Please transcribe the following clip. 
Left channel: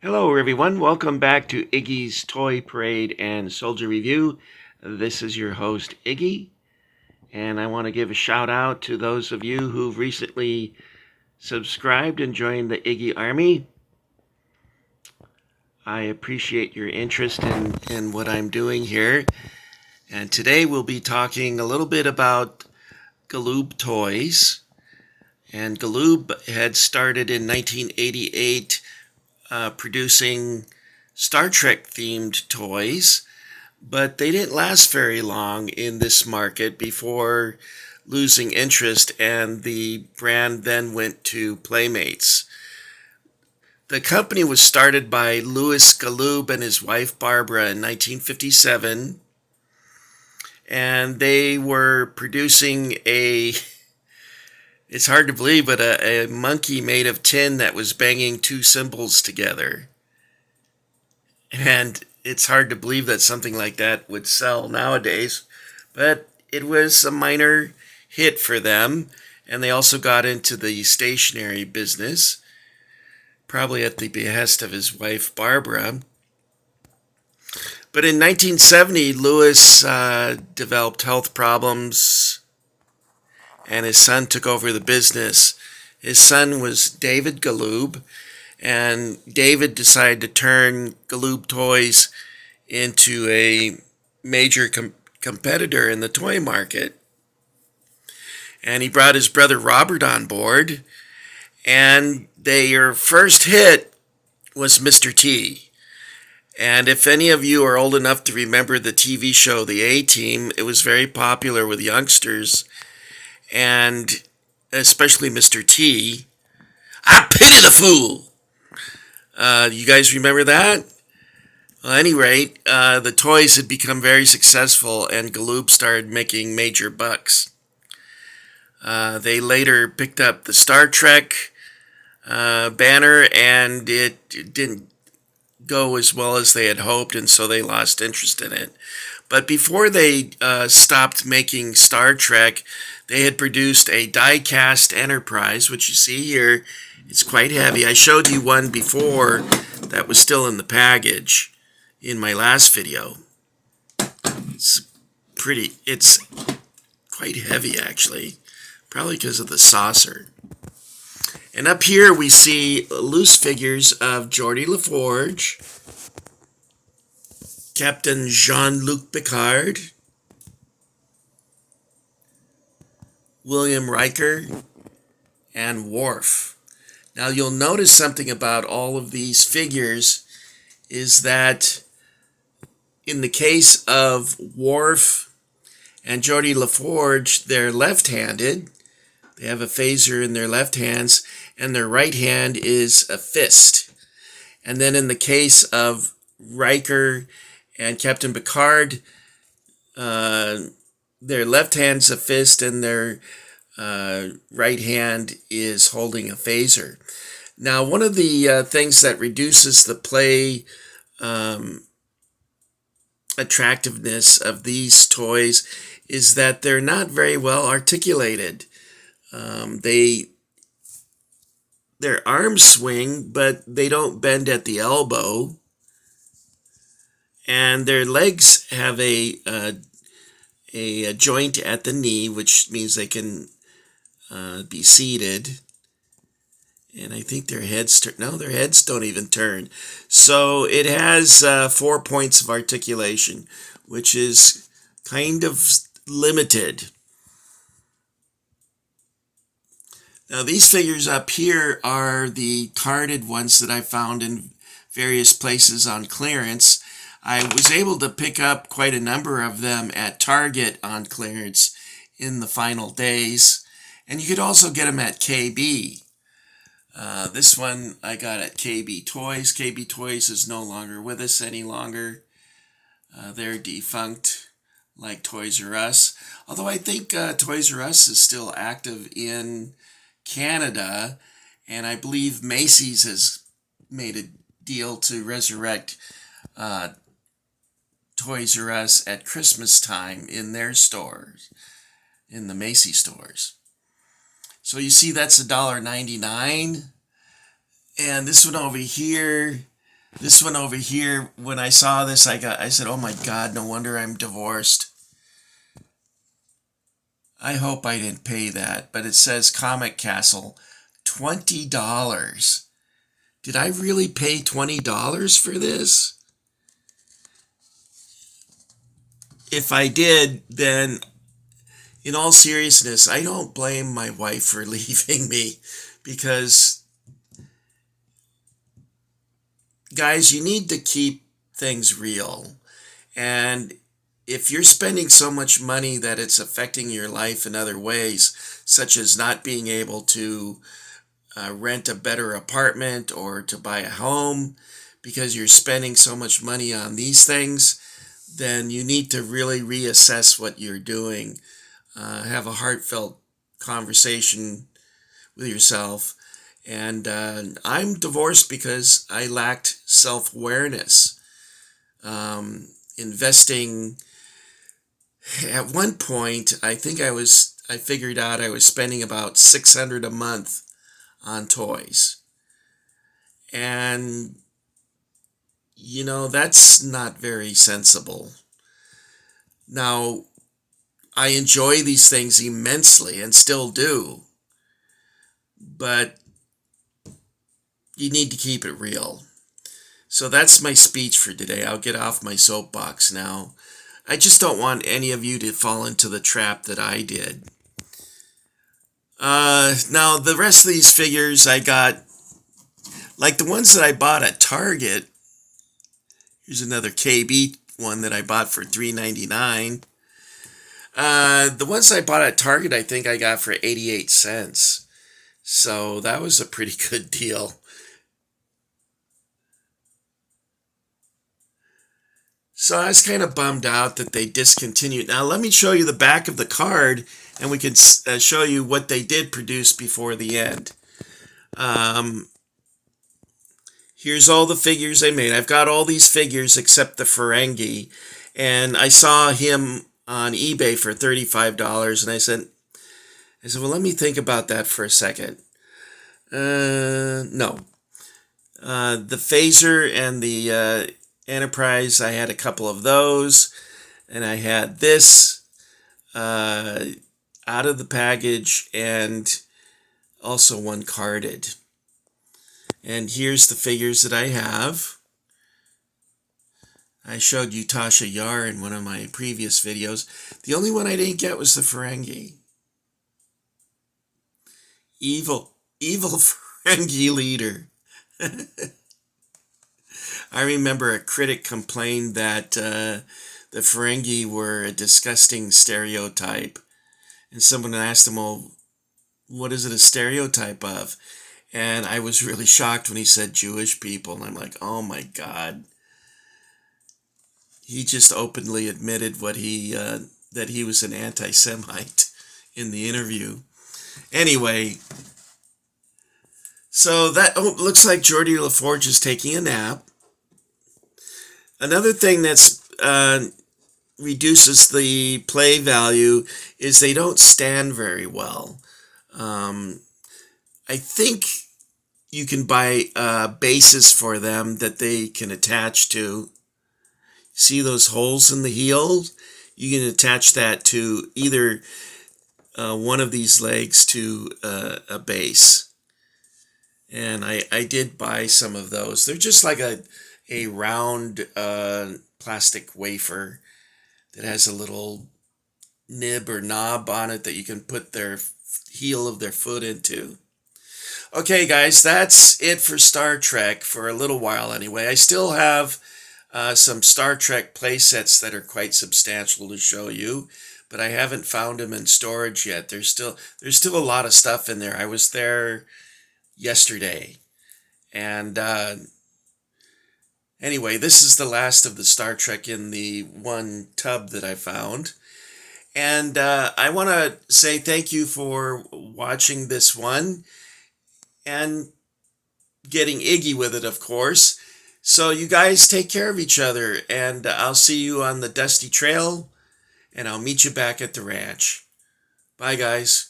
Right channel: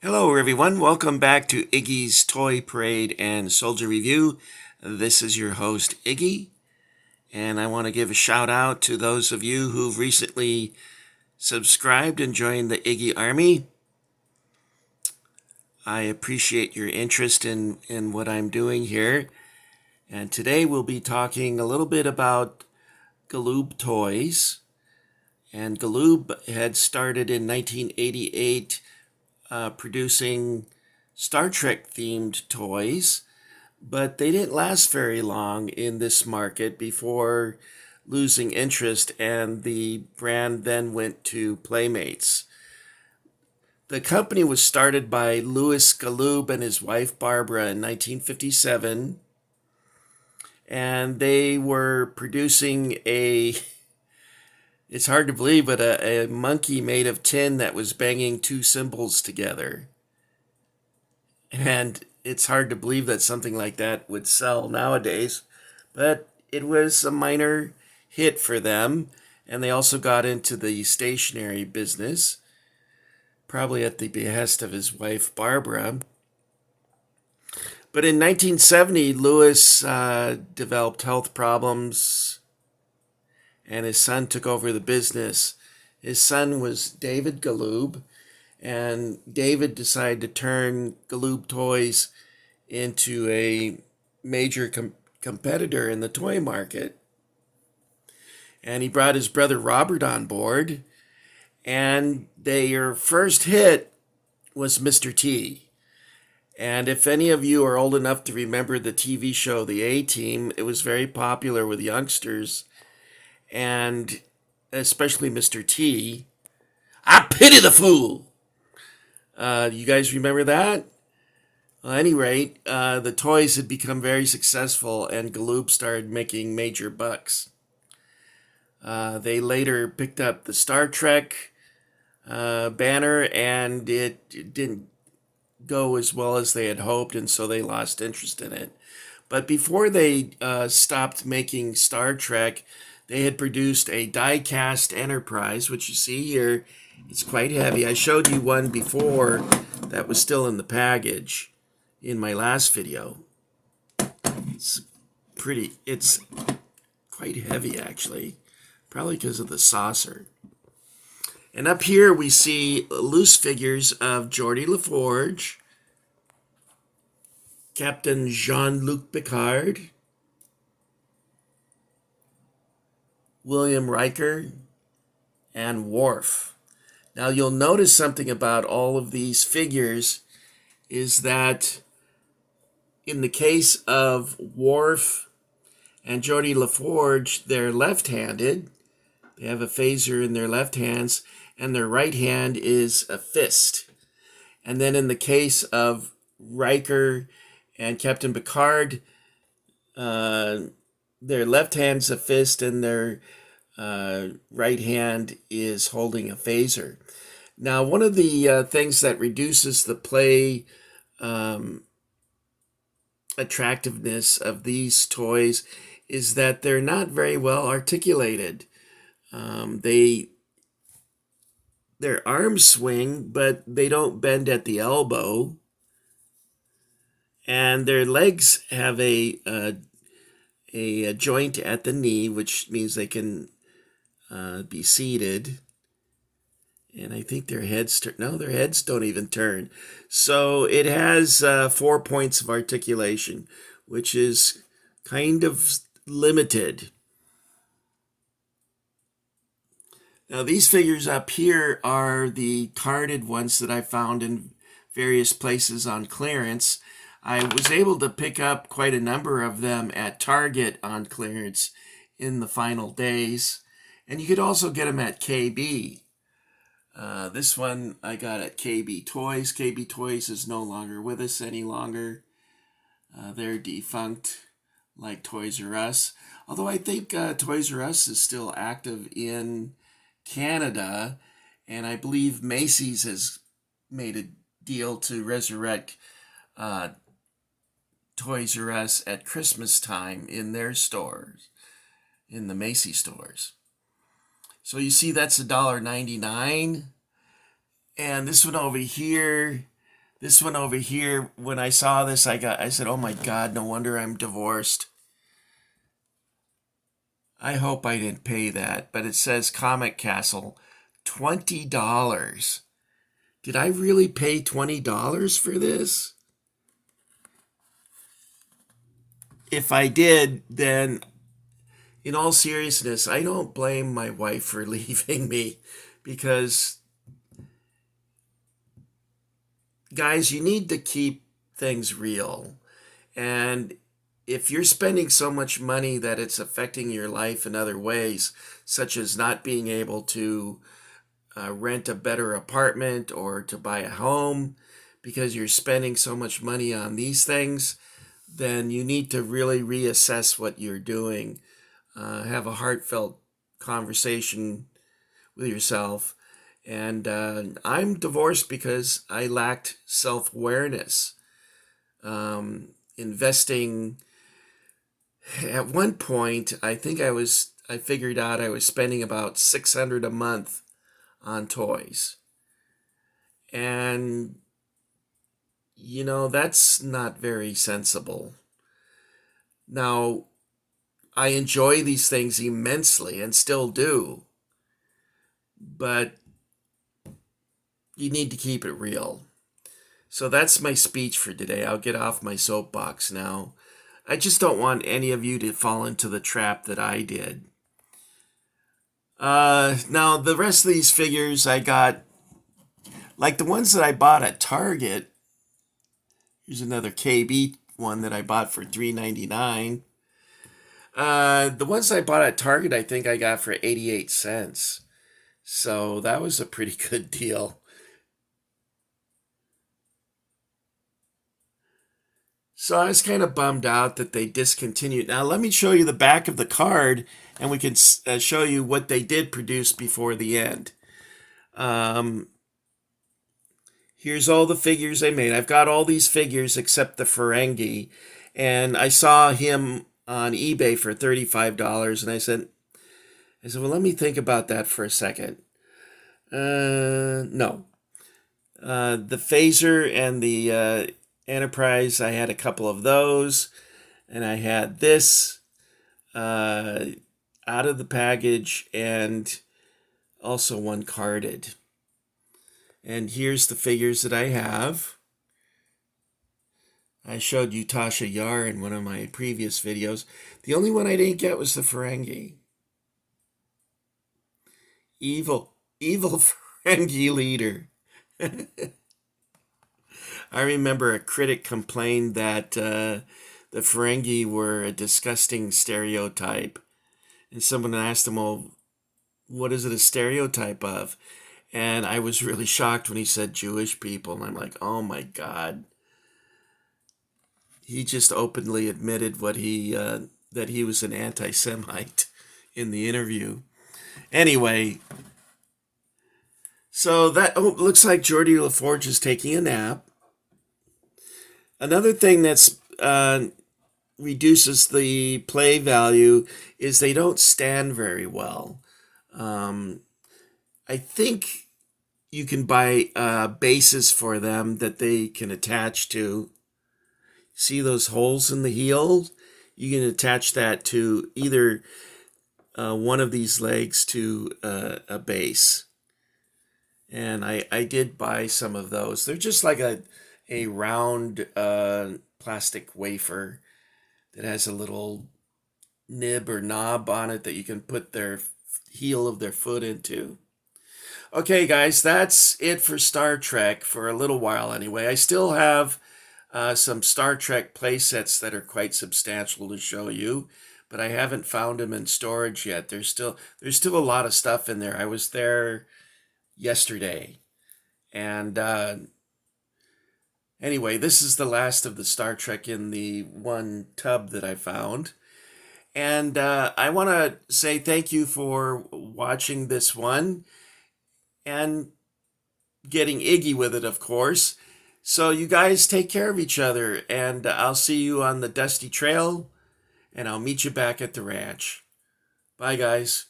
Hello, everyone. Welcome back to Iggy's Toy Parade and Soldier Review. This is your host, Iggy, and I want to give a shout out to those of you who've recently subscribed and joined the Iggy Army. I appreciate your interest in what I'm doing here. And today we'll be talking a little bit about Galoob toys. And Galoob had started in 1988 producing Star Trek themed toys, but they didn't last very long in this market before losing interest, and the brand then went to Playmates. The company was started by Louis Galoob and his wife Barbara in 1957, and they were producing it's hard to believe, but a monkey made of tin that was banging two cymbals together. And it's hard to believe that something like that would sell nowadays, but it was a minor hit for them. And they also got into the stationery business, probably at the behest of his wife, Barbara. But in 1970, Lewis developed health problems and his son took over the business. His son was David Galoob, and David decided to turn Galoob Toys into a major competitor in the toy market. And he brought his brother Robert on board, and their first hit was Mr. T. And if any of you are old enough to remember the TV show The A-Team, it was very popular with youngsters, and especially Mr. T. I pity the fool! You guys remember that? Well, at any rate, the toys had become very successful, and Galoob started making major bucks. They later picked up the Star Trek banner, and it didn't go as well as they had hoped, and so they lost interest in it. But before they stopped making Star Trek, they had produced a die-cast Enterprise, which you see here. It's quite heavy. I showed you one before that was still in the package in my last video. It's quite heavy, actually, probably because of the saucer. And up here we see loose figures of Geordi LaForge, Captain Jean-Luc Picard, William Riker, and Worf. Now you'll notice something about all of these figures is that in the case of Worf and Geordi LaForge, they're left-handed. They have a phaser in their left hands, and their right hand is a fist. And then in the case of Riker and Captain Picard, their left hand's a fist, and their right hand is holding a phaser. Now, one of the things that reduces the play attractiveness of these toys is that they're not very well articulated. Their arms swing, but they don't bend at the elbow, and their legs have a joint at the knee, which means they can be seated. And I think their heads their heads don't even turn. So it has 4 points of articulation, which is kind of limited. Now these figures up here are the carded ones that I found in various places on clearance. I was able to pick up quite a number of them at Target on clearance in the final days. And you could also get them at KB. This one I got at KB Toys. KB Toys is no longer with us any longer. They're defunct, like Toys R Us. Although I think Toys R Us is still active in Canada, and I believe Macy's has made a deal to resurrect Toys R Us at Christmas time in their stores, in the Macy's stores. So you see that's $1.99. And this one over here This one over here, when I saw this, I said, "Oh my God, no wonder I'm divorced." I hope I didn't pay that, but it says Comic Castle, $20. Did I really pay $20 for this? If I did, then in all seriousness, I don't blame my wife for leaving me, because, guys, you need to keep things real. And if you're spending so much money that it's affecting your life in other ways, such as not being able to rent a better apartment or to buy a home because you're spending so much money on these things, then you need to really reassess what you're doing. Have a heartfelt conversation with yourself. And I'm divorced because I lacked self-awareness. Investing, at one point, I figured out I was spending about $600 a month on toys. And, that's not very sensible. Now, I enjoy these things immensely and still do, but you need to keep it real. So that's my speech for today. I'll get off my soapbox now. I just don't want any of you to fall into the trap that I did. Now, the rest of these figures I got, like the ones that I bought at Target. Here's another KB one that I bought for $3.99. The ones I bought at Target, I think I got for 88 cents. So that was a pretty good deal. So I was kind of bummed out that they discontinued. Now let me show you the back of the card, and we can show you what they did produce before the end. Here's all the figures they made. I've got all these figures except the Ferengi, and I saw him on eBay for $35, and I said, well, let me think about that for a second. No. The Phaser and the Enterprise, I had a couple of those, and I had this out of the package, and also one carded. And here's the figures that I have. I showed you Tasha Yar in one of my previous videos. The only one I didn't get was the Ferengi. Evil Ferengi leader. I remember a critic complained that the Ferengi were a disgusting stereotype. And someone asked him, well, what is it a stereotype of? And I was really shocked when he said Jewish people. And I'm like, oh my God. He just openly admitted that he was an anti-Semite in the interview. Anyway, so that looks like Geordi LaForge is taking a nap. Another thing that's reduces the play value is they don't stand very well. I think you can buy bases for them that they can attach to. See those holes in the heel? You can attach that to either one of these legs to a base. And I did buy some of those. They're just like a round plastic wafer that has a little nib or knob on it that you can put their heel of their foot into. Okay, guys, that's it for Star Trek for a little while anyway. I still have some Star Trek play sets that are quite substantial to show you, but I haven't found them in storage yet. There's still a lot of stuff in there. I was there yesterday, and anyway, this is the last of the Star Trek in the one tub that I found. And I want to say thank you for watching this one and getting Iggy with it, of course. So you guys take care of each other, and I'll see you on the dusty trail, and I'll meet you back at the ranch. Bye, guys.